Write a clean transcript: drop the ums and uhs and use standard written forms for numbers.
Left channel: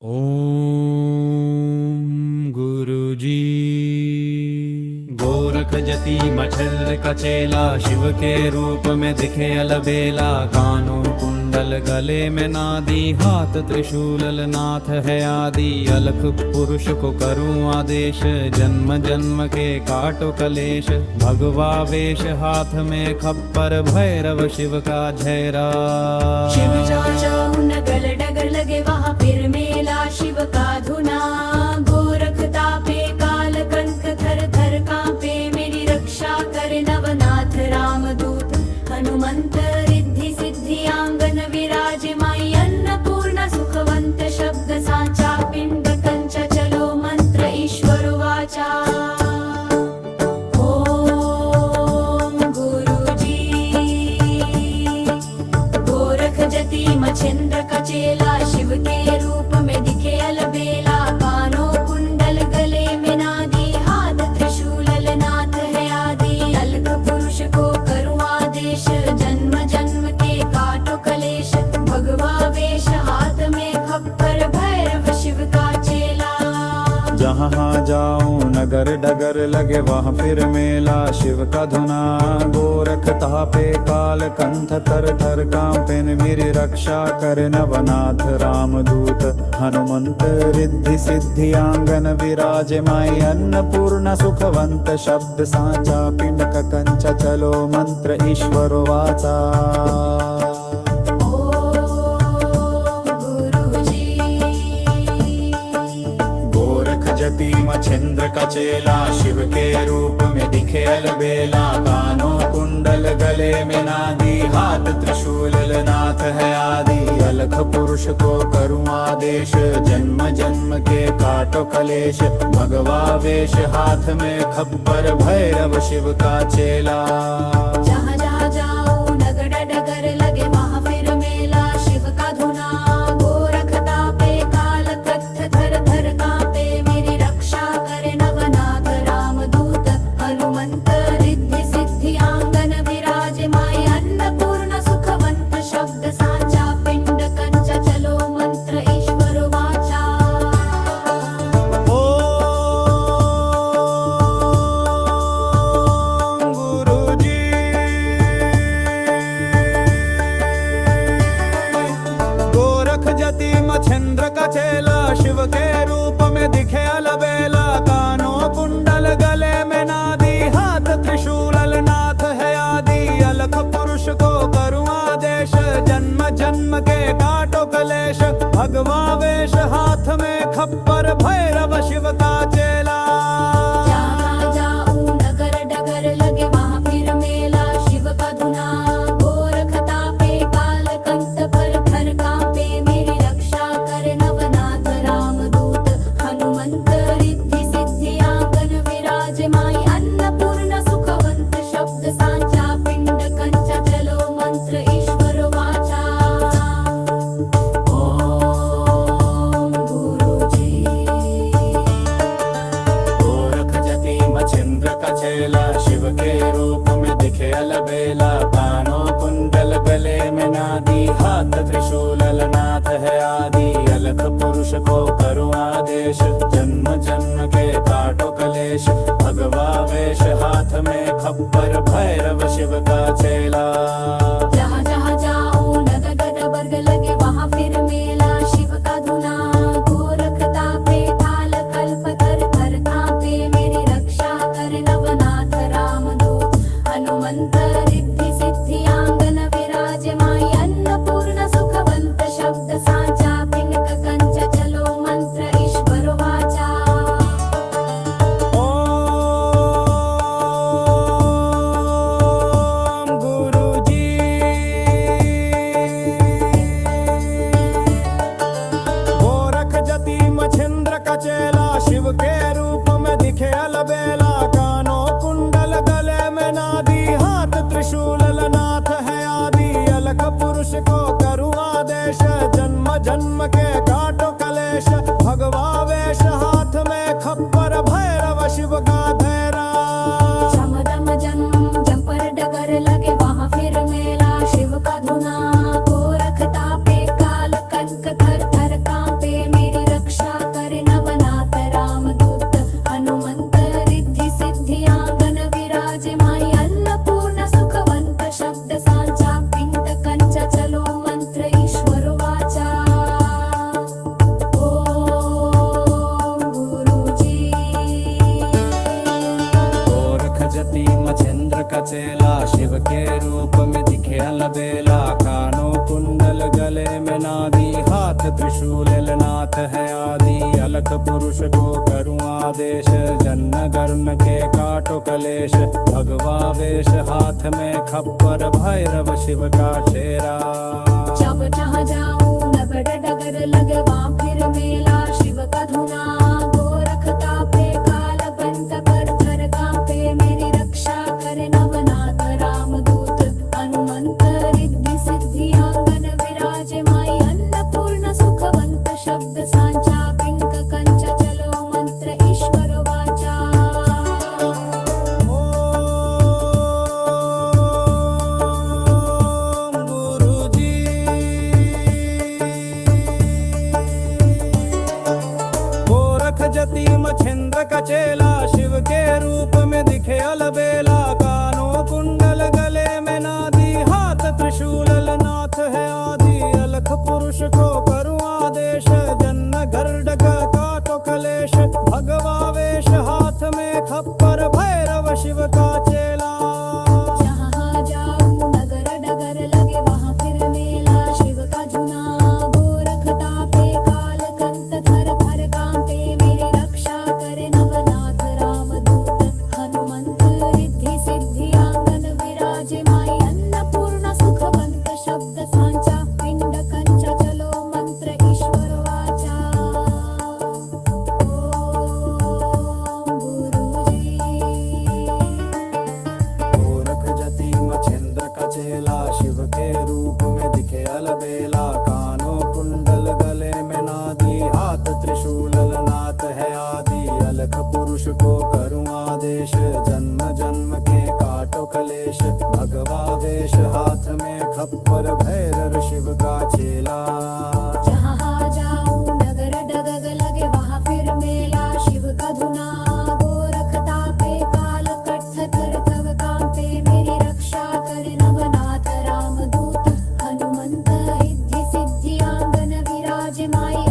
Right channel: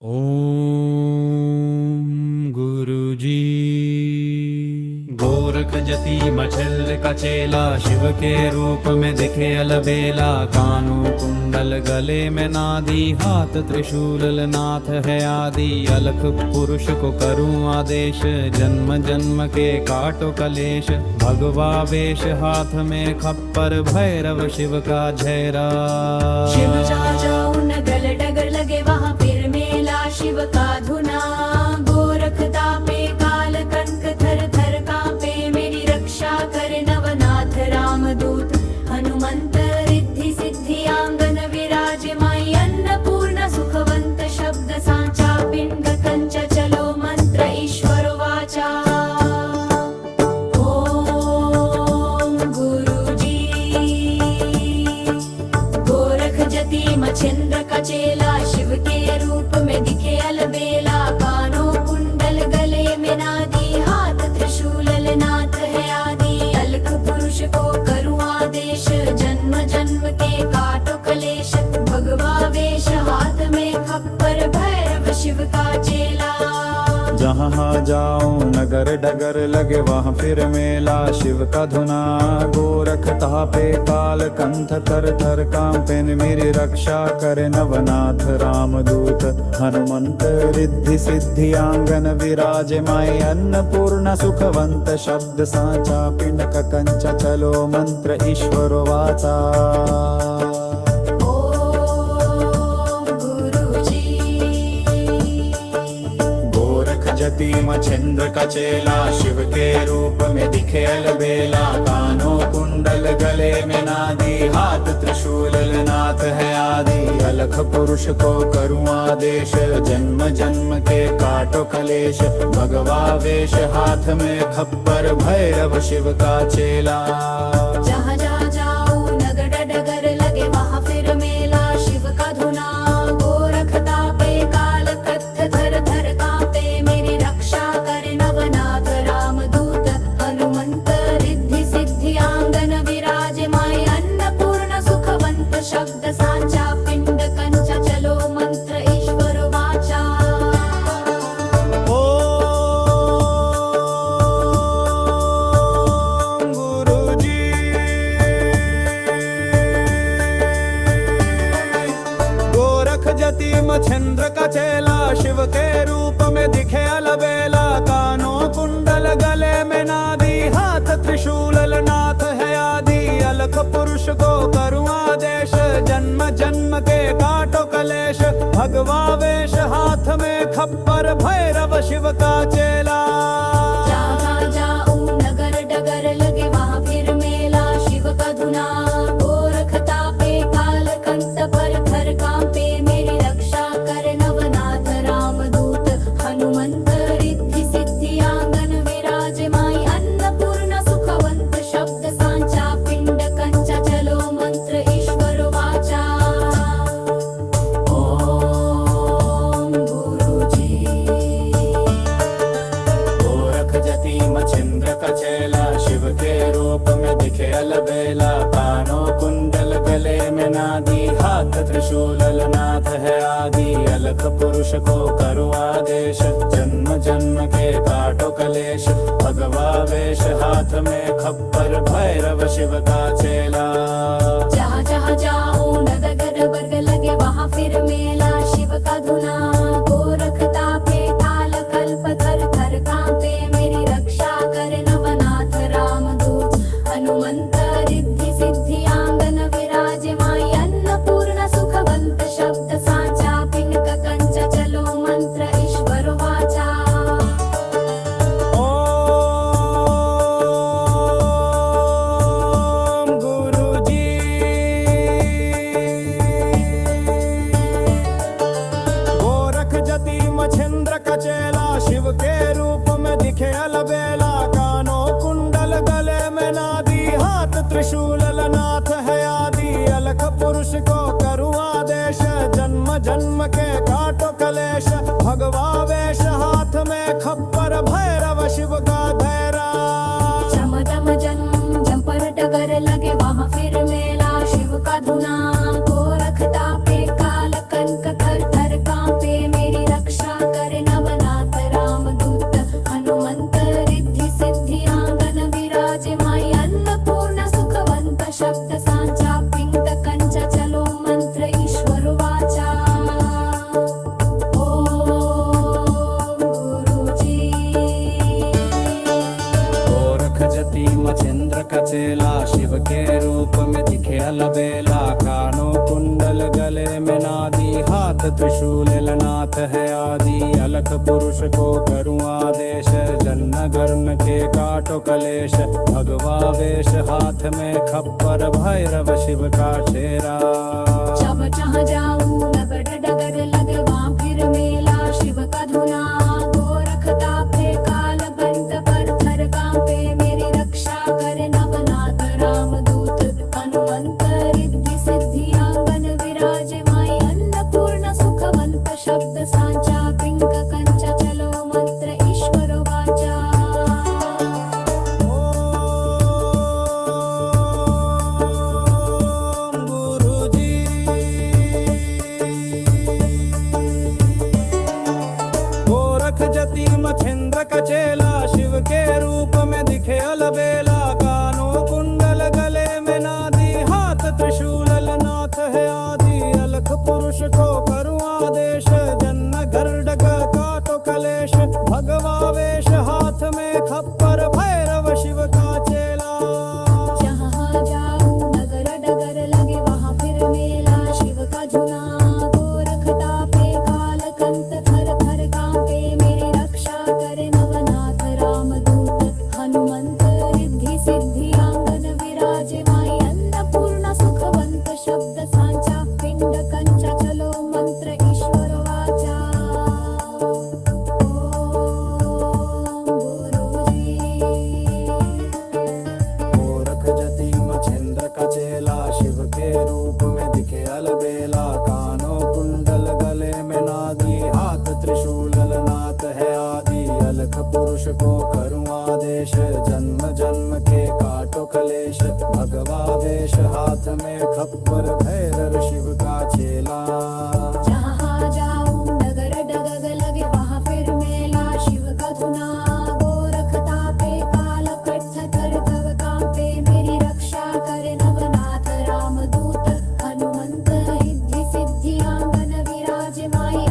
ओम गुरुजी। गोरख जति मछल का चेला, शिव के रूप में दिखे अलबेला। कानों कुंडल गले में नादी, हाथ त्रिशूल नाथ है आदि। अलख पुरुष को करूं आदेश, जन्म जन्म के काटो कलेश। भगवा वेश हाथ में खप्पर, भैरव शिव का झैरा। शिव जहाँ जाऊं नगल डगर लगे वहाँ फिर मेला शिव का धुना। गोरख तापे काल कंक थर थर कांपे, मेरी रक्षा करे नवनाथ रामदूत। हनुमंत रिद्धि सिद्धि आंगन विराजे माई। अन्नपूर्ण सुखवंत शब्द सांचा, पिंड कंच चलो मंत्र ईश्वर वाचा। जति मछेंद्र का चेला, शिव के रूप में दिखे अलबेला। कानों कुंडल गले में नादी, हाथ त्रिशूल नाथ है आदि। अलख पुरुष को करूं आदेश, जन्म जन्म के काटो कलेश। भगवा वेश हाथ में खप्पर, भैरव शिव का चेला। जहाँ जाऊं नगर डगर लगे वहाँ फिर मेला शिव का धुना। गोरख तापे काल कंठ थर थर कांपे, मेरी रक्षा करे नवनाथ रामदूत। हनुमंत रिद्धि सिद्धि आंगन विराजे माई। अन्नपूर्ण सुखवंत शब्द सांचा, पिंड का कंच चलो मंत्र ईश्वर वाचा। जति मछेंद्र का चेला, शिव के रूप में दिखे अलबेला। कानों कुंडल गले में नादी, हाथ त्रिशूल नाथ है आदि। अलख पुरुष को करूं आदेश, जन्म जन्म के काटो कलेश। भगवा वेश हाथ में खप्पर, भैरव शिव का चेला। जहाँ जहाँ जाऊं नगर डगर लगे वहाँ फिर मेला शिव का धुना। गोरख तापे काल कत्थ थर थर कांपे, मेरी रक्षा करे नवनाथ रामदूत। हनुमंत रिद्धि सिद्धि आंगन विराजे माई। अन्नपूर्ण सुखवंत शब्द सांचा, पिंड कंच चलो मंत्र ईश्वर वाचा। जति मछेंद्र का चेला, शिव के रूप में दिखे अलबेला। कानों कुंडल गले में नादी, हाथ त्रिशूल नाथ है आदि। अलख पुरुष को करूं आदेश, जन्म जन्म के काटो कलेश। भगवा वेश हाथ में खप्पर, भैरव शिव का चेला। जहाँ जाऊं नगर डगर लगे वहाँ फिर मेला शिव का धुना। गोरख तापे काल कंठ पर थर कांपे, मेरी रक्षा करे नवनाथ रामदूत। हनुमंत रिद्धि सिद्धि आंगन विराजे माई। अन्नपूर्ण सुखवंत शब्द सांचा, पिंड कंच चलो मंत्र ईश्वर वाचा। ओम गुरुजी। गोरख जति मछेंद्र का चेला, शिव के रूप में दिखे अलबेला। कानों कुंडल गले में नादी, हाथ त्रिशूल नाथ है आदि। अलख पुरुष को करूं आदेश, जन्म जन्म के काटो कलेश। भगवा वेश हाथ में खप्पर, भैरव शिव का चेला। जहाँ जहाँ जाऊं नगर बर्ग लगे वहाँ फिर मेला शिव का धुना। गोरख तापे काल कल्प थर थर कांपे, मेरी रक्षा करे नवनाथ रामदूत। हनुमंत रिद्धि सिद्धि आंगन विराजे माई। अन्नपूर्ण सुखवंत शब्द सांचा, पिंड कंच चलो मंत्र ईश्वर वाचा। मछेंद्र का चेला, शिव के रूप में दिखे अलबेला। कानों कुंडल गले में नादी, हाथ त्रिशूल नाथ है आदि। अलख पुरुष को करूं आदेश, जन्म जन्म के काटो कलेश। भगवा वेश हाथ में खप्पर, भैरव शिव का धैरा। चमदम जन्म जंपर डगर लगे वहाँ फिर मेला शिव का धुना। गोरख तापे काल कंक थर थर कांपे, मेरी चेला शिव के रूप में दिखे अलबेला। कानों कुंडल गले में नादी, हाथ त्रिशूल नाथ है आदि। अलख पुरुष को करूं आदेश, जन्न गर्म के काटो कलेश। भगवा वेश हाथ में खप्पर, भैरव शिव का चेहरा। जब जहाँ जाऊं नगर डगर लगे वहाँ फिर मेला शिव का धुना। गोरखता पे काल बंत पर थर कांपे, मेरी रक्षा करे नवनाथ रामदूत। हनुमंत रिद्धि सिद्धि आंगन विराजे माई। अन्नपूर्ण सुखवंत शब्द सांचा, पिंक कंचा चलो मंत्र ईश्वर वाचा। जति मछेंद्र का चेला शिव के रूप में दिखे अलबेला। कानों कुंडल गले में नादी, हाथ त्रिशूल नाथ है आदि। अलख पुरुष को करूं आदेश, जन्न गर्डग काटो कलेश। भगवा वेश हाथ में खप्पर, भैरव शिव का चेला। जहाँ जाऊं नगर डगर लगे वहाँ फिर मेला शिव का धुना। गोरखता पे काल कंत थर थर कांपे, मेरी रक्षा करे नवनाथ रामदूत। हनुमंत रिद्धि सिद्धि आंगन विराजे माई। अन्नपूर्ण सुखवंत शब्द सांचा, पिंड कंचा चलो मंत्र ईश्वर वाचा। ओम गुरुजी। गोरख जति मछेंद्र का चेला शिव के रूप में दिखे अलबेला। कानों कुंडल गले में नादी, हाथ त्रिशूल नाथ है आदि। अलख पुरुष को करूं आदेश, जन्म जन्म के काटो कलेश। भगवा वेश हाथ में खप्पर, भैरव शिव का चेला। जहाँ जाऊं नगर डगर लगे वहाँ फिर मेला शिव का धुना। गोरखता पे काल कट्ठ थर थर कांपे, मेरी रक्षा करे नवनाथ रामदूत। हनुमंत रिद्धि सिद्धि आंगन विराजे माई।